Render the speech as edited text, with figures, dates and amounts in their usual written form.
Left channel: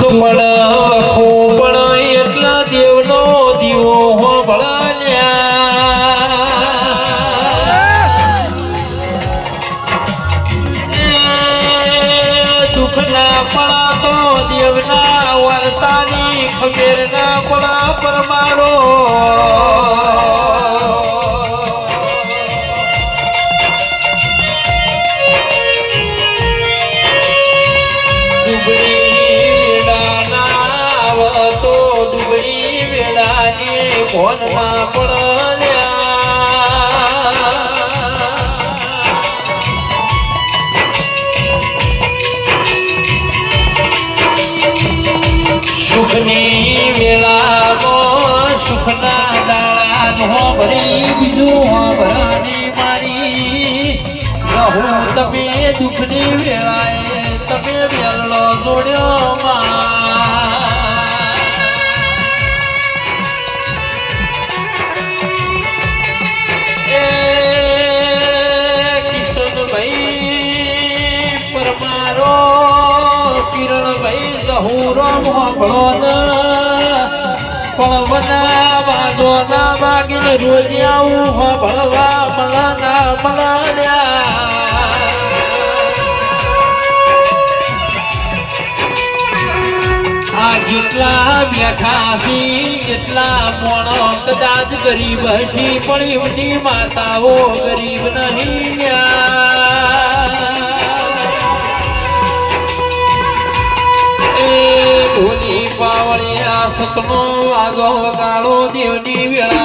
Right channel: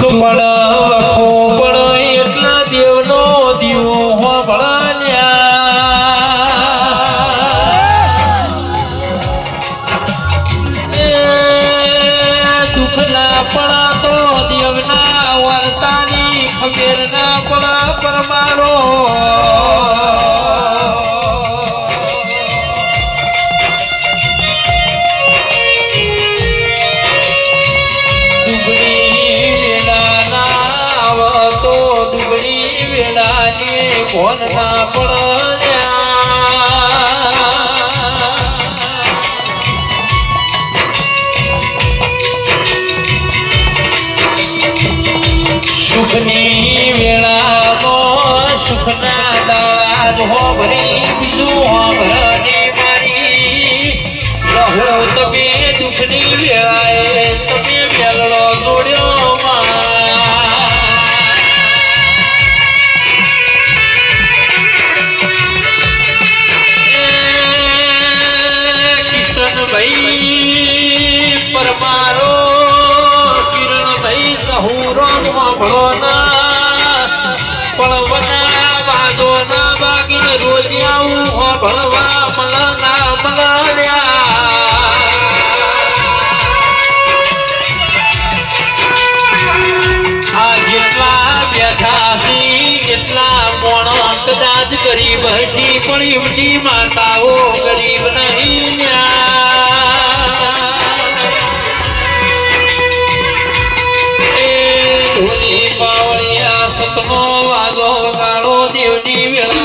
દુઃખ પણ વખો પણ એટલા દેવનો દીવો હો ભળાલ્યા દુઃખ ના પડા તો દેવના વર્તાની ખબેર ના પડા પરમારો કોણ ના સુખની વેળામાં સુખના દાડા હોભરી બીજું હોભરાની મારી રહો તમે દુઃખની વેળાએ તમે વેલડો જોડ્યો પરમારો કિરણભાઈ પળવના વાગોના વાગીને રોજ આવું હો ભળવા મળના મળ્યા આ જેટલા બેઠા છે એટલા મોણો કદાચ ગરીબ હશી પણ એમની માતાઓ ગરીબ નહીં પાવળિયા સતનો વાગો વગાડો દેવની વેળા